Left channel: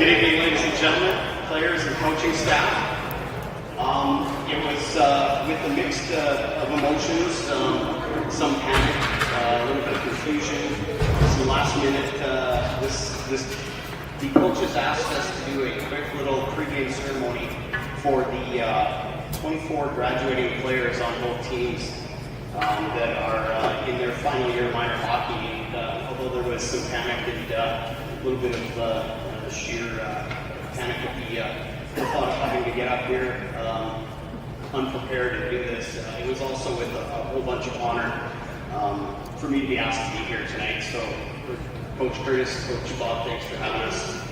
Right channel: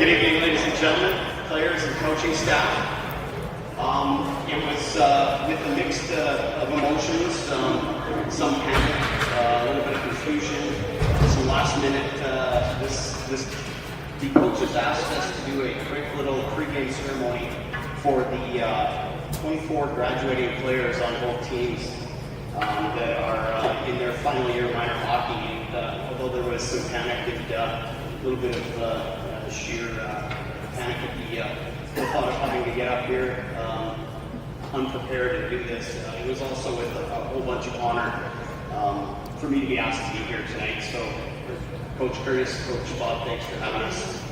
Good evening, ladies and gentlemen, players and coaching staff. It was with a mix of emotions, some panic, a little bit of confusion, some last minute. The coaches asked us to do a quick little pregame ceremony for the 24 graduating players on both teams that are in their final year of minor hockey. And although there was some panic and a little bit of sheer panic at the thought of having to get up here unprepared and do this, it was also with a whole bunch of honor for me to be asked to be here tonight. So, Coach Curtis, Coach Bob, thanks for having us.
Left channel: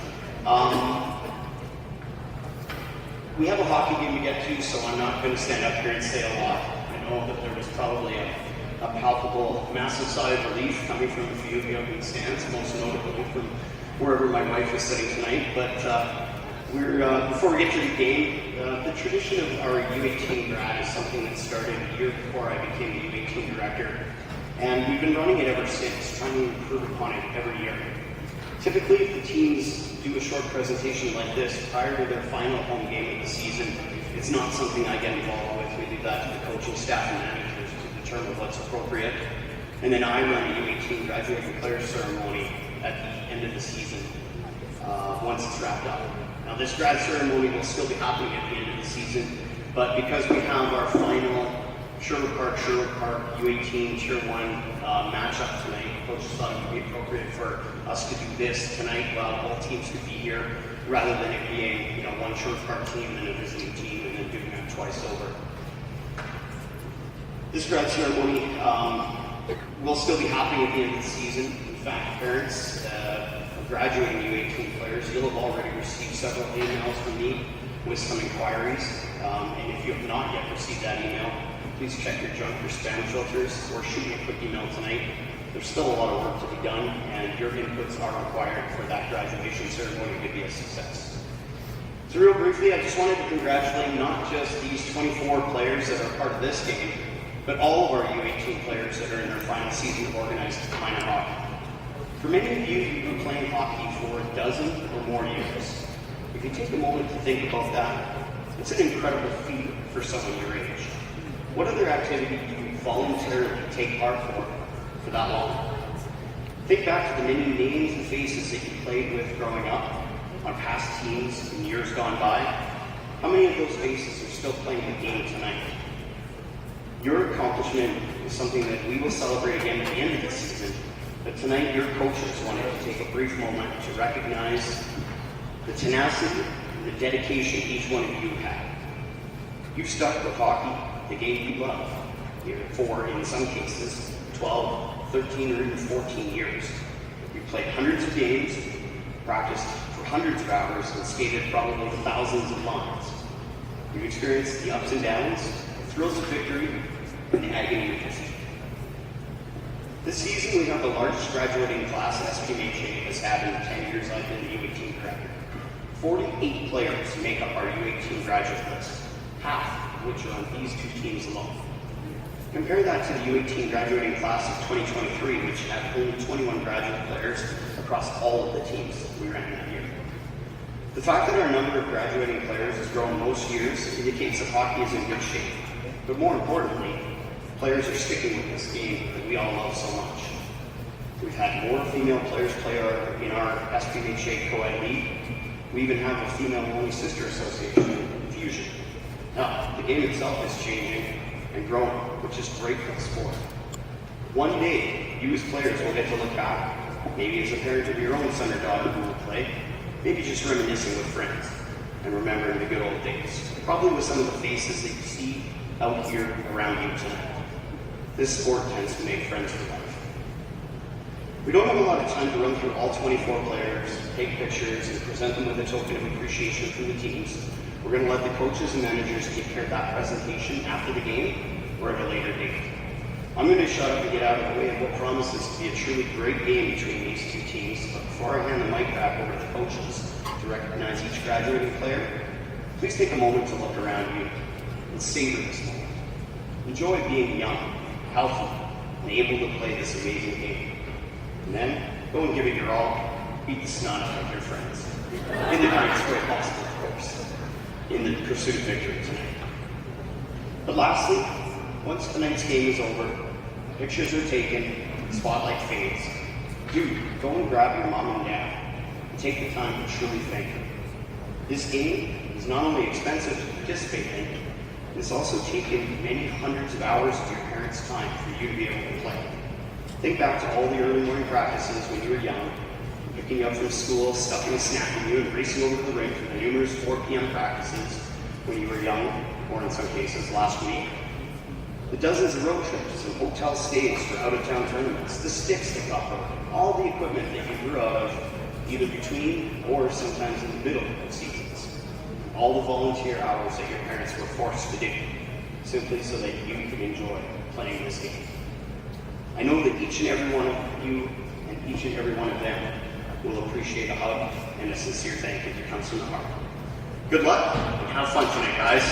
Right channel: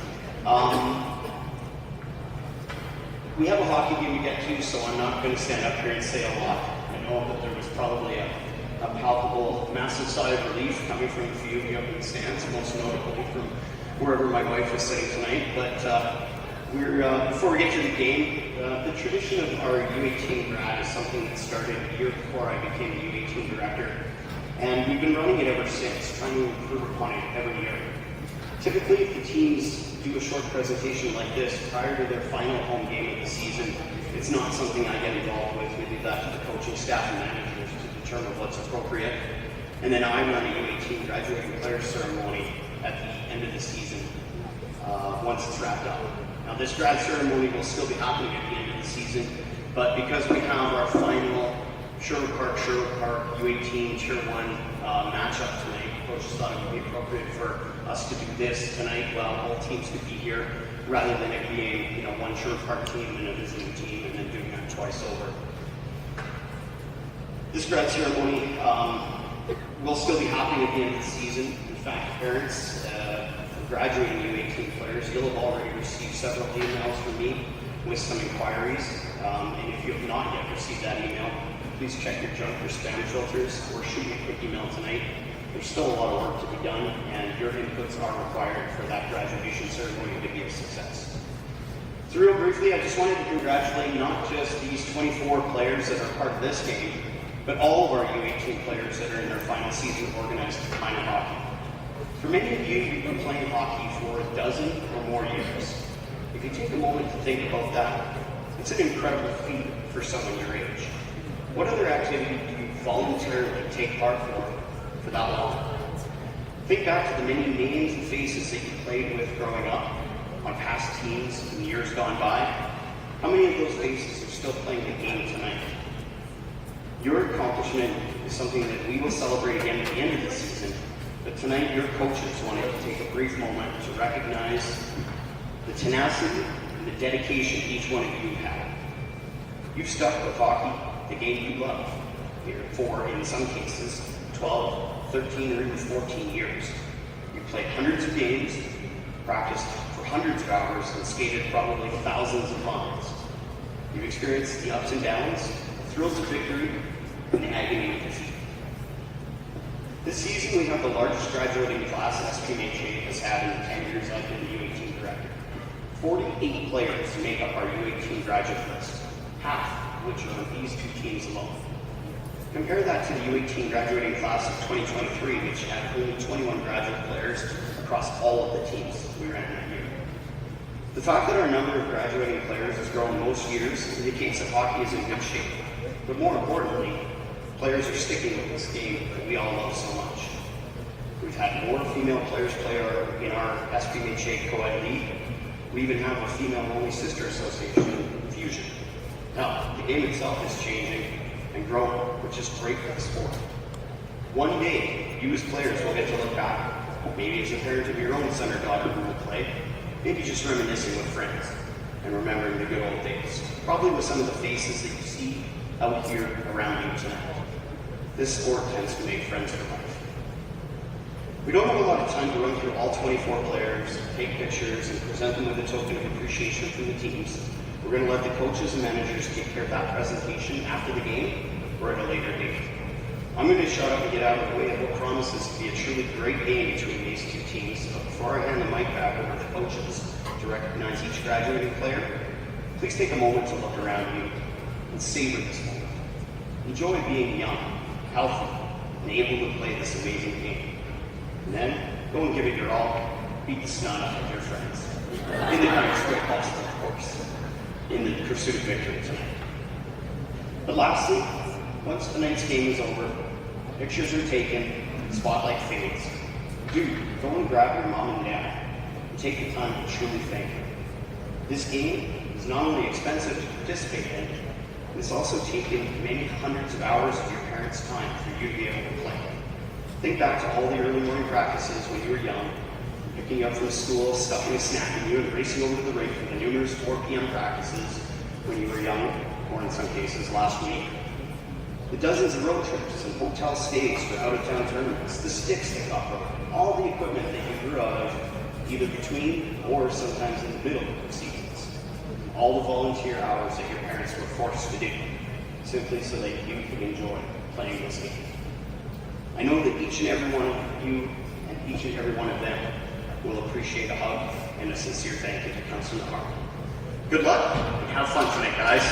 We have a hockey game to get to, so I'm not going to stand up here and say a lot. I know that there was probably a palpable, massive sigh of relief coming from a few of you up in the stands, most notably from wherever my wife is sitting tonight. But before we get to the game, the tradition of our U18 grad is something that started a year before I became the U18 director. And we've been running it ever since, trying to improve upon it every year. Typically, if the teams do a short presentation like this prior to their final home game of the season, it's not something I get involved with. We leave that to the coaching staff and managers to determine what's appropriate. And then I run a U18 graduating players ceremony at the end of the season, once it's wrapped up. Now, this grad ceremony will still be happening at the end of the season, but because we have our final Sherwood Park U18 Tier 1 matchup tonight, coaches thought it would be appropriate for us to do this tonight while both teams could be here, rather than it being one Sherwood Park team and a visiting team and then doing that twice over. This grad ceremony will still be happening at the end of the season. In fact, parents of graduating U18 players, you'll have already received several emails from me with some inquiries, and if you have not yet received that email, please check your junk or spam filters or shoot me a quick email tonight. There's still a lot of work to be done, and your inputs are required for that graduation ceremony to be a success. So real briefly, I just wanted to congratulate not just these 24 players that are part of this game, but all of our U18 players that are in their final season of organized minor hockey. For many of you, you've been playing hockey for a dozen or more years. If you take a moment to think about that, it's an incredible feat for someone your age. What other activity do you voluntarily take part for that long? Think back to the many names and faces that you played with growing up on past teams in years gone by. How many of those faces are still playing the game tonight? Your accomplishment is something that we will celebrate again at the end of the season, but tonight your coaches wanted to take a brief moment to recognize the tenacity and the dedication each one of you had. You've stuck with hockey, the game you love, here for, in some cases, 12, 13, or even 14 years. You played hundreds of games, practiced for hundreds of hours, and skated probably thousands of miles. You've experienced the ups and downs, the thrills of victory, and the agony of defeat. This season, we have the largest graduating class SP702 has had in the 10 years I've been the U18 director. 48 players make up our U18 graduate list, half of which are on these two teams alone. Compare that to the U18 graduating class of 2023, which had only 21 graduate players across all of the teams we ran that year. The fact that our number of graduating players has grown most years indicates that hockey is in good shape. But more importantly, players are sticking with this game that we all love so much. We've had more female players play in our SP702 co-ed league. We even have a female-only sister association, Fusion. Now, the game itself is changing and growing, which is great for the sport. One day, you as players will get to look back, maybe as a parent of your own son or daughter who will play, maybe just reminiscing with friends and remembering the good old days, probably with some of the faces that you see out here around you tonight. This sport tends to make friends for life. We don't have a lot of time to run through all 24 players, take pictures, and present them with a token of appreciation from the teams. We're going to let the coaches and managers take care of that presentation after the game or at a later date. I'm going to shut up and get out of the way of what promises to be a truly great game between these two teams, but before I hand the mic back over to the coaches to recognize each graduating player, please take a moment to look around you and savor this moment. Enjoy being young, healthy, and able to play this amazing game. And then, go and give it your all beat the snot out of your friends. In the kindest way possible, of course, in the pursuit of victory tonight. But lastly, once tonight's game is over, pictures are taken, spotlight fades, do go and grab your mom and dad and take the time to truly thank them. This game is not only expensive to participate in, it's also taken many hundreds of hours of your parents' time for you to be able to play. Think back to all the early morning practices when you were young, picking you up from school, stuffing a snack in you, and racing over to the rink for the numerous 4 p.m. practices when you were young, or in some cases last week. The dozens of road trips and hotel stays for out-of-town tournaments, the sticks that got broken, all the equipment that you grew out of either between or sometimes in the middle of seasons. All the volunteer hours that your parents were forced to do, simply so that you could enjoy playing this game. I know that each and every one of you and each and every one of them will appreciate a hug and a sincere thank you that comes from the heart. Good luck and have fun tonight, guys.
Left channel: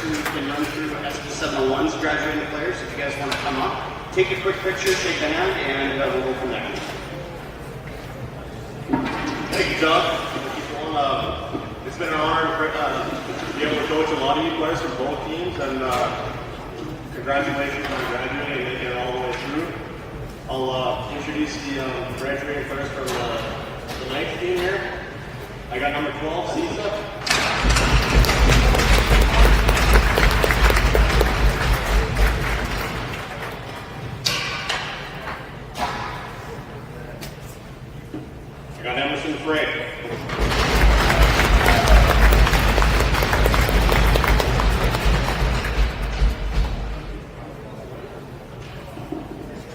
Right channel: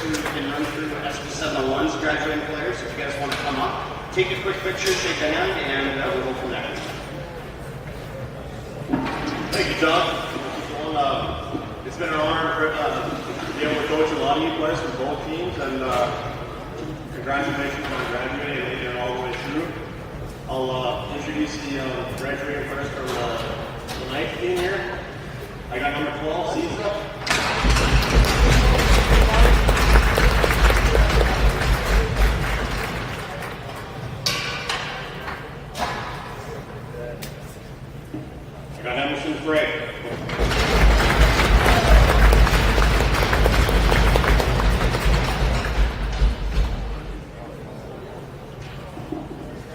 Who can run through SP701's graduating players. If you guys want to come up, take a quick picture, shake a hand, and we'll go from there. Thank you, John. It's been an honor to be able to coach a lot of you players from both teams, and congratulations on graduating and making it all the way through. I'll introduce the graduating players from the ninth team here. I got number 12, Cisa. I got Emerson Frey.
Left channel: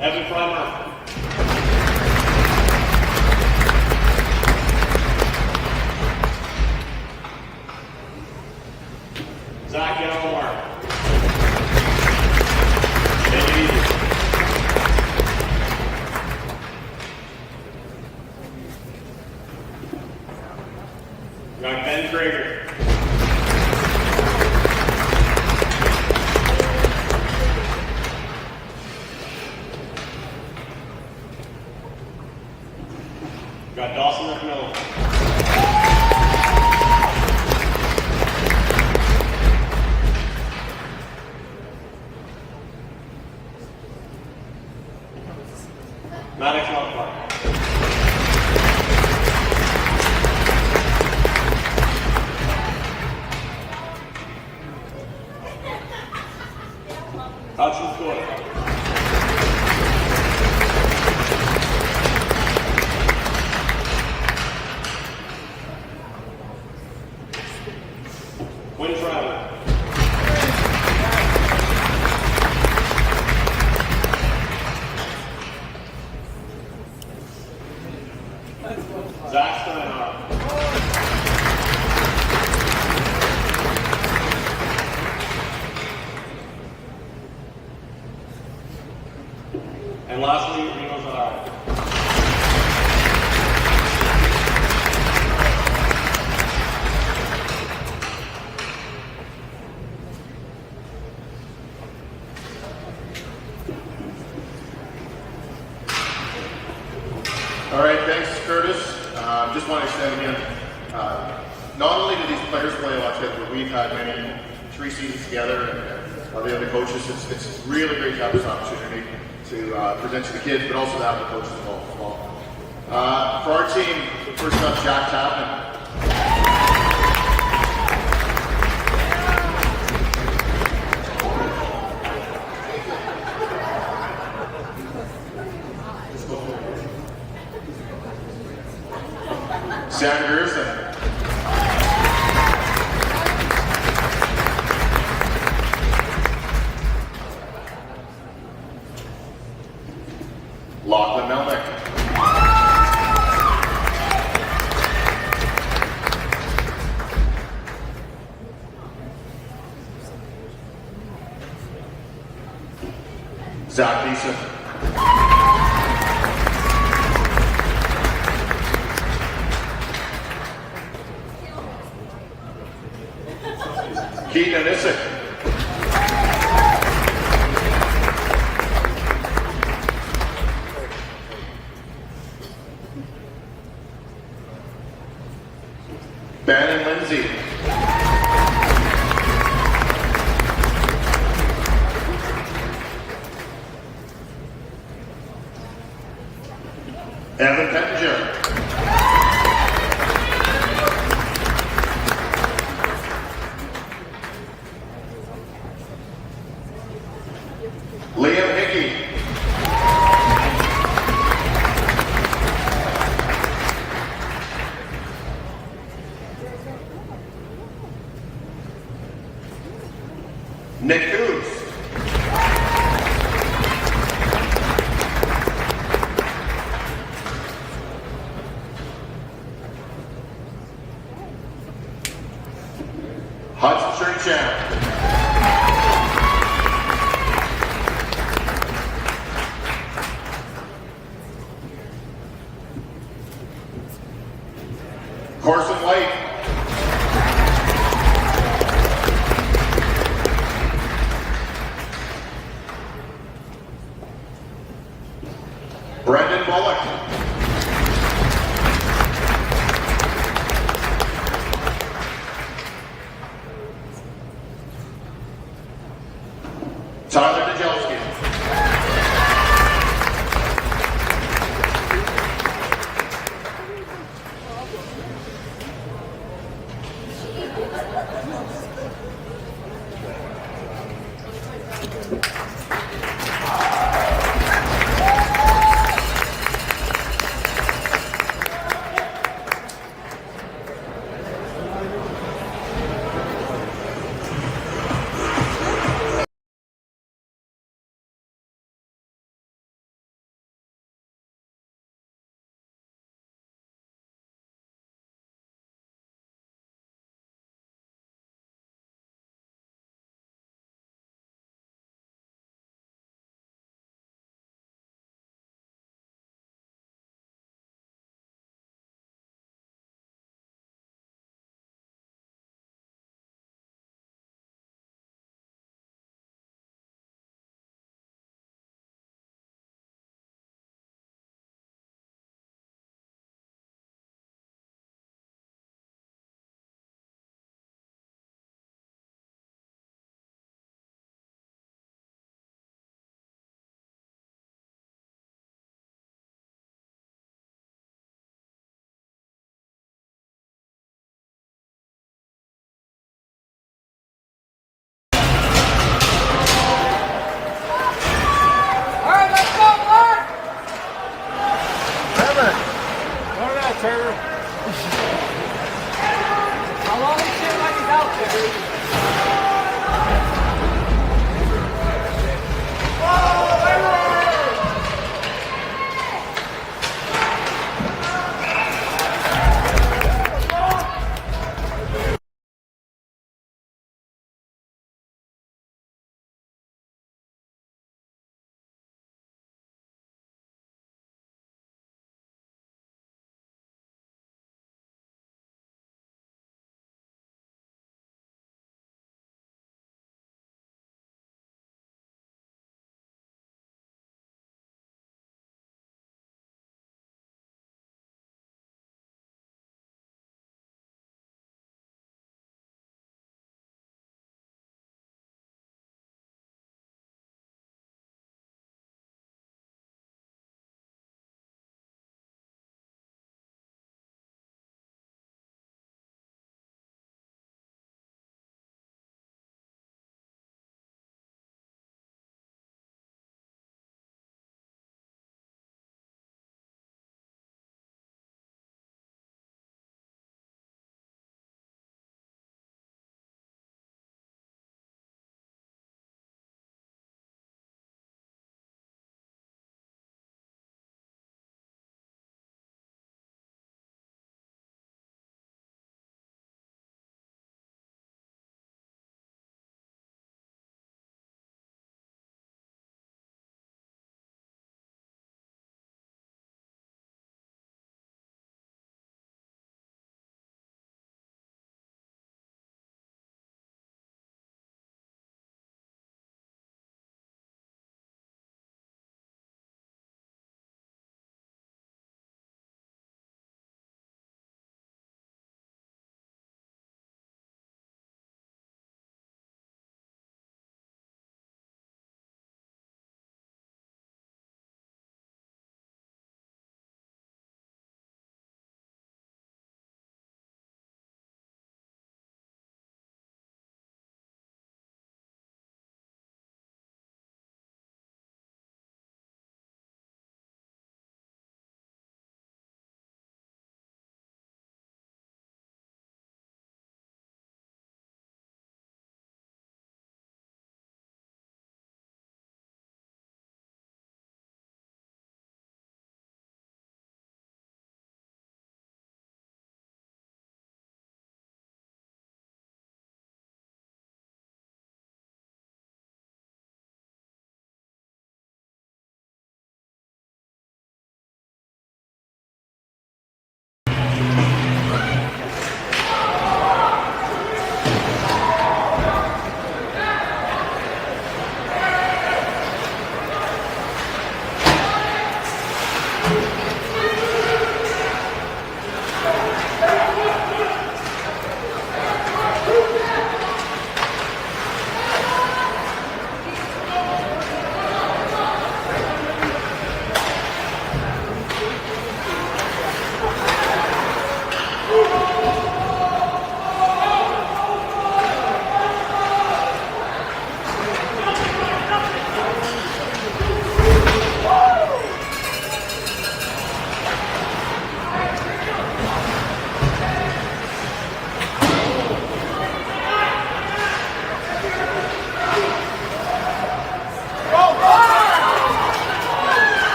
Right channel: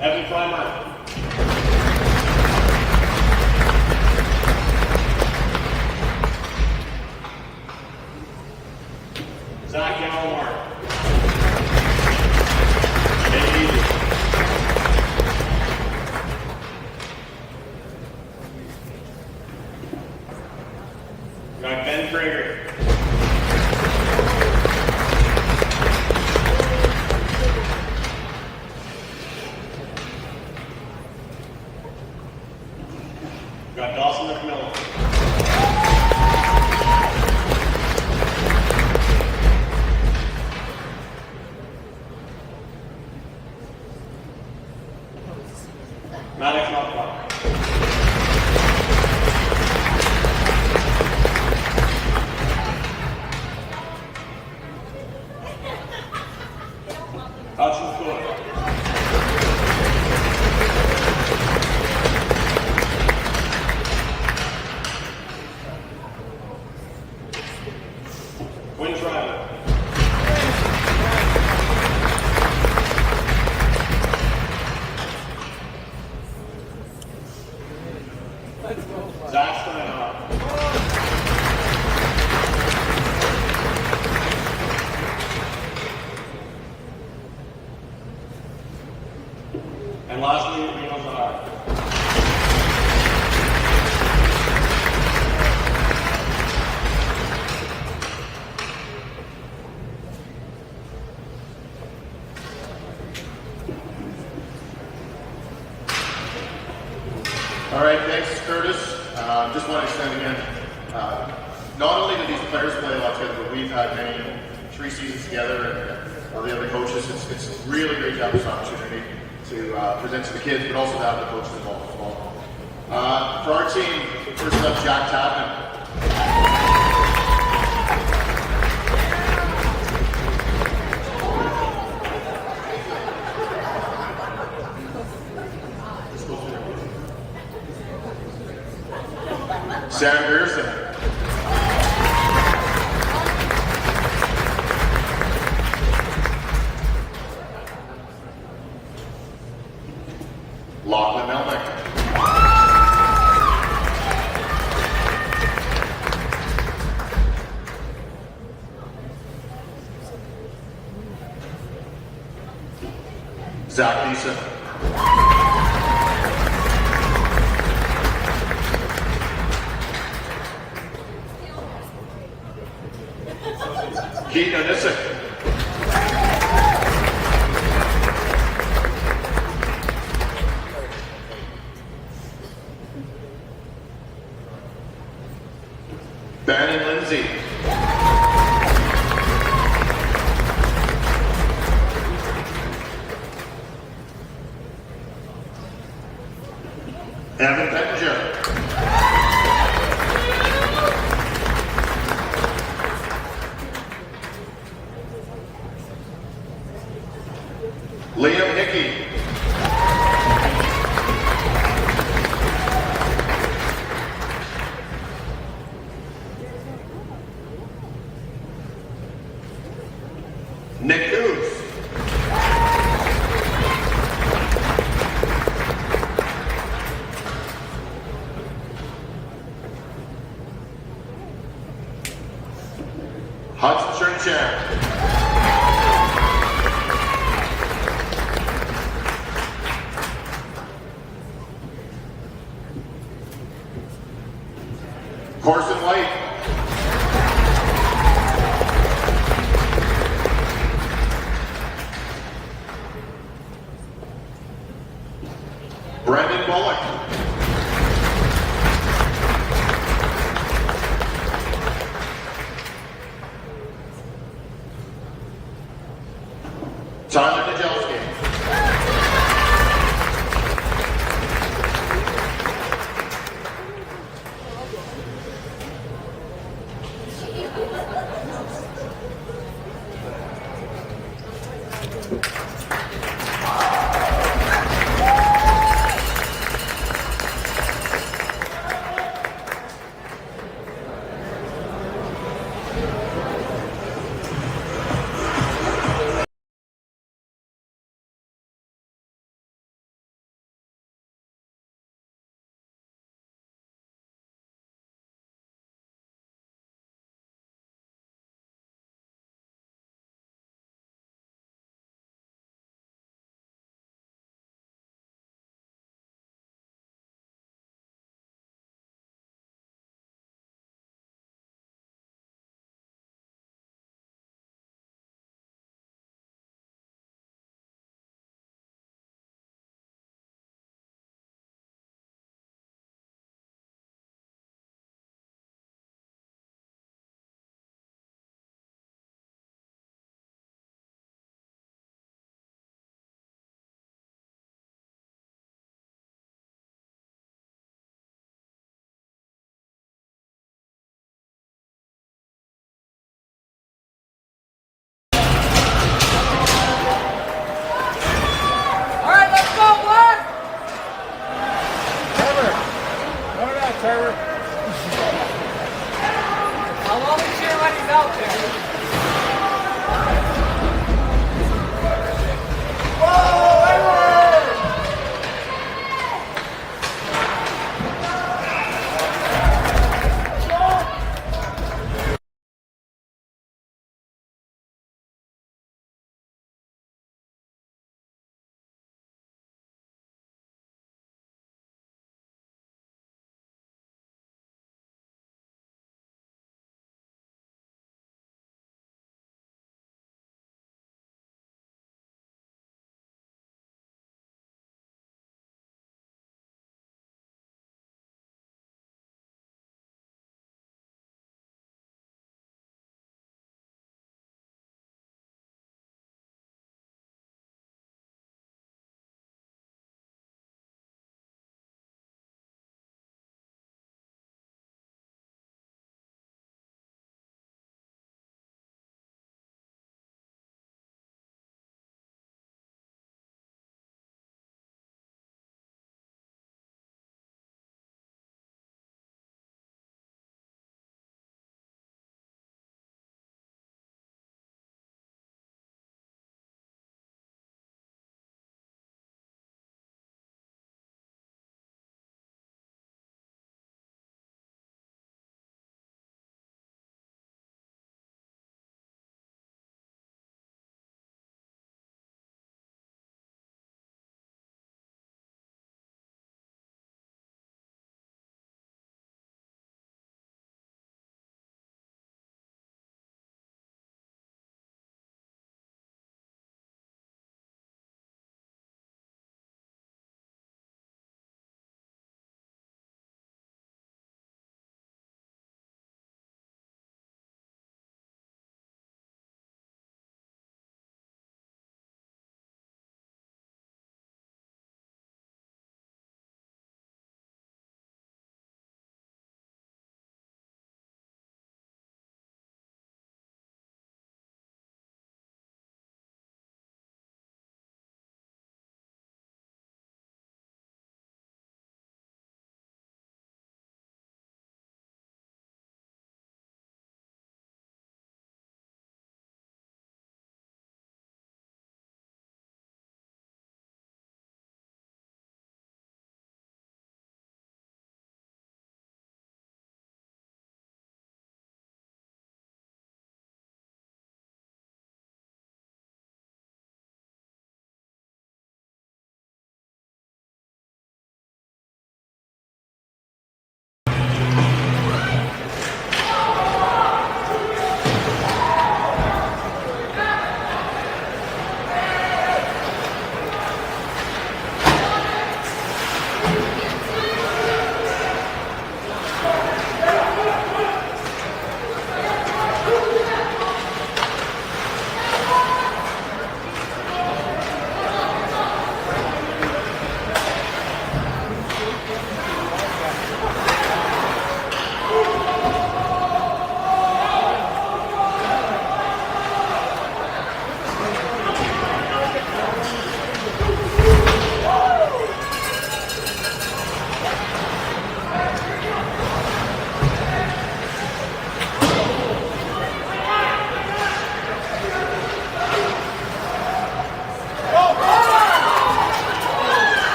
Evan Freimark. Zach Yalomar. Got Ben Krager. Got Dawson McMillan. Maddox Northpark. Hudson Scott. Quinn Driver. Zach Steinhardt. And lastly, Reno Zahara. All right, thanks, Curtis. Just want to extend again, not only do these players play a lot together, but we've had many 3 seasons together, and the other coaches, it's really great to have this opportunity to present to the kids, but also to have the coaches involved as well. For our team, first up, Jack Tapman. Sam Gerson. Lachlan Melnick. Zach Beeson. Keith Anisic. Evan Pettinger. Liam Hickey. Nick Coos. Hudson Sherchamp. Carson White. Brendan Bullock. Tyler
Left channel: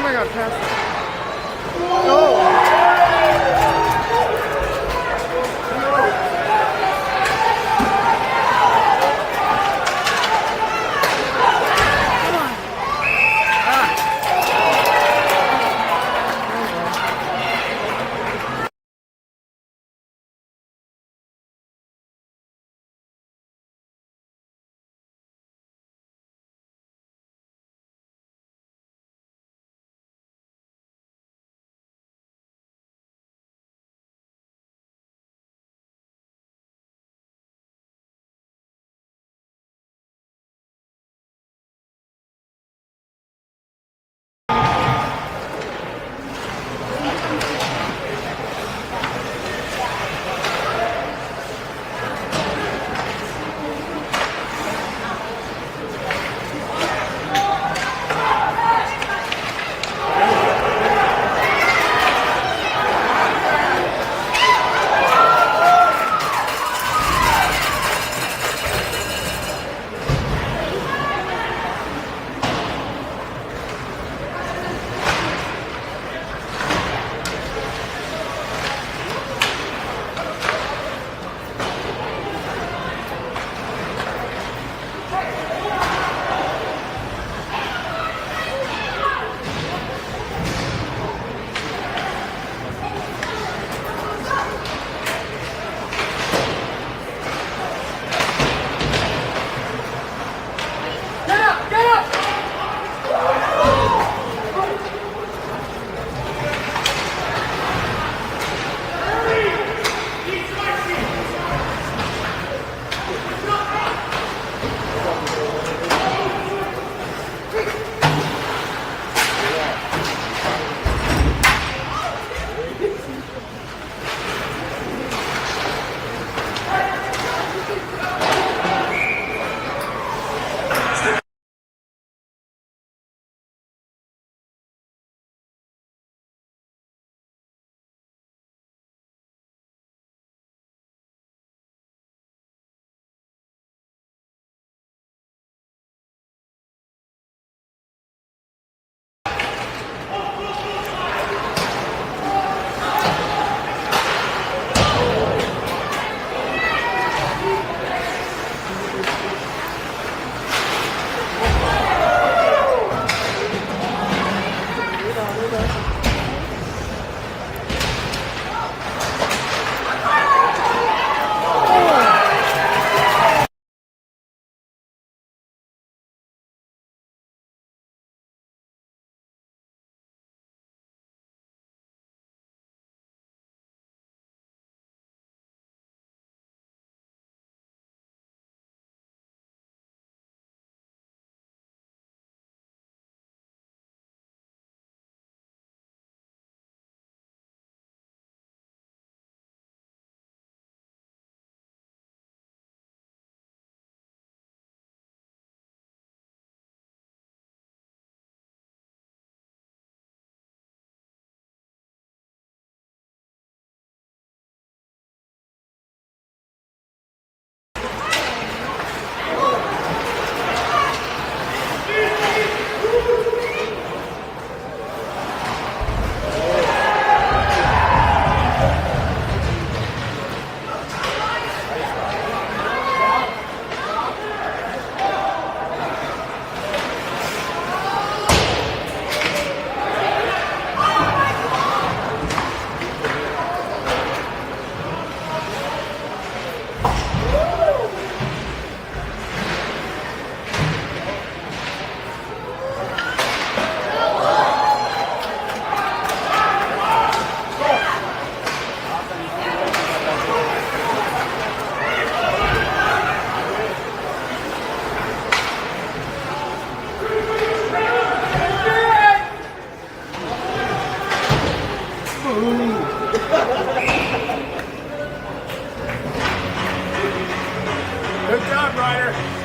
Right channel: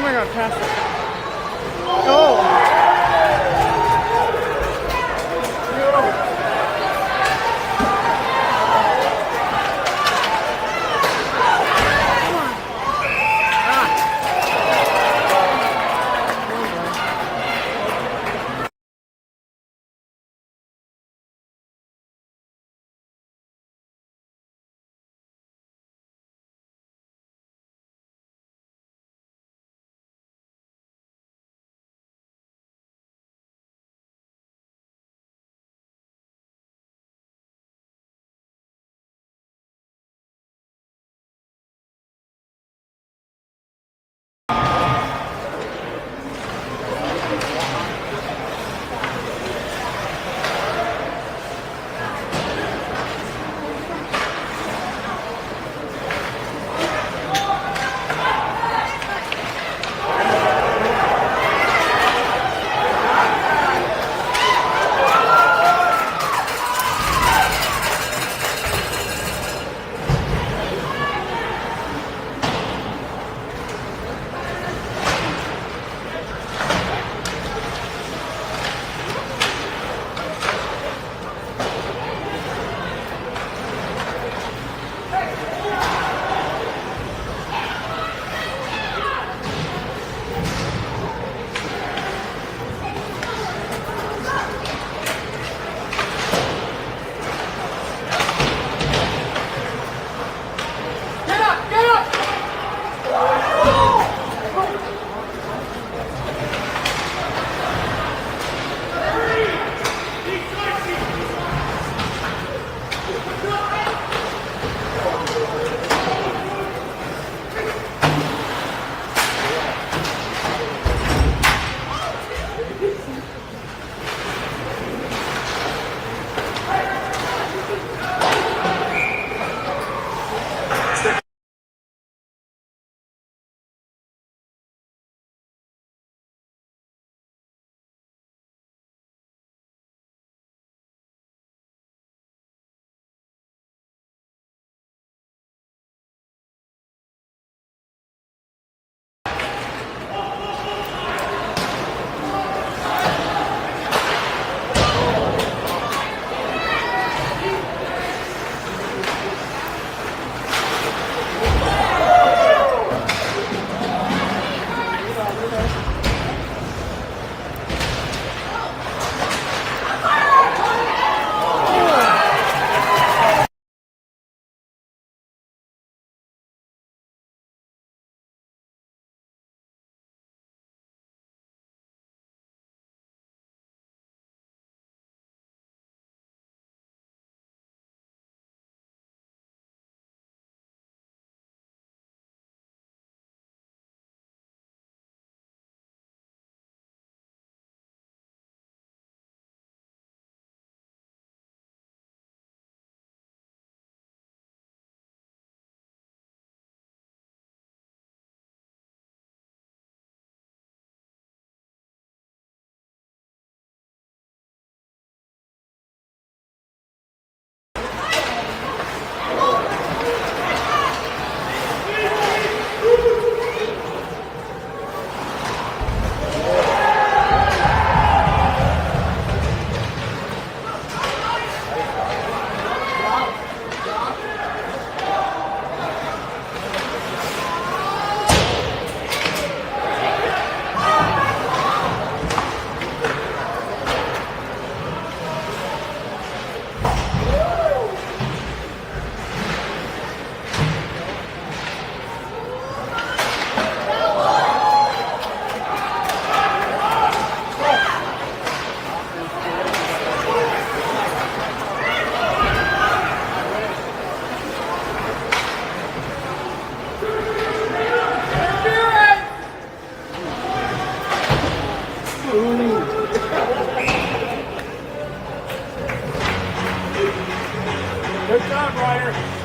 Oh my god, pass it. Oh! Good job, Ryder.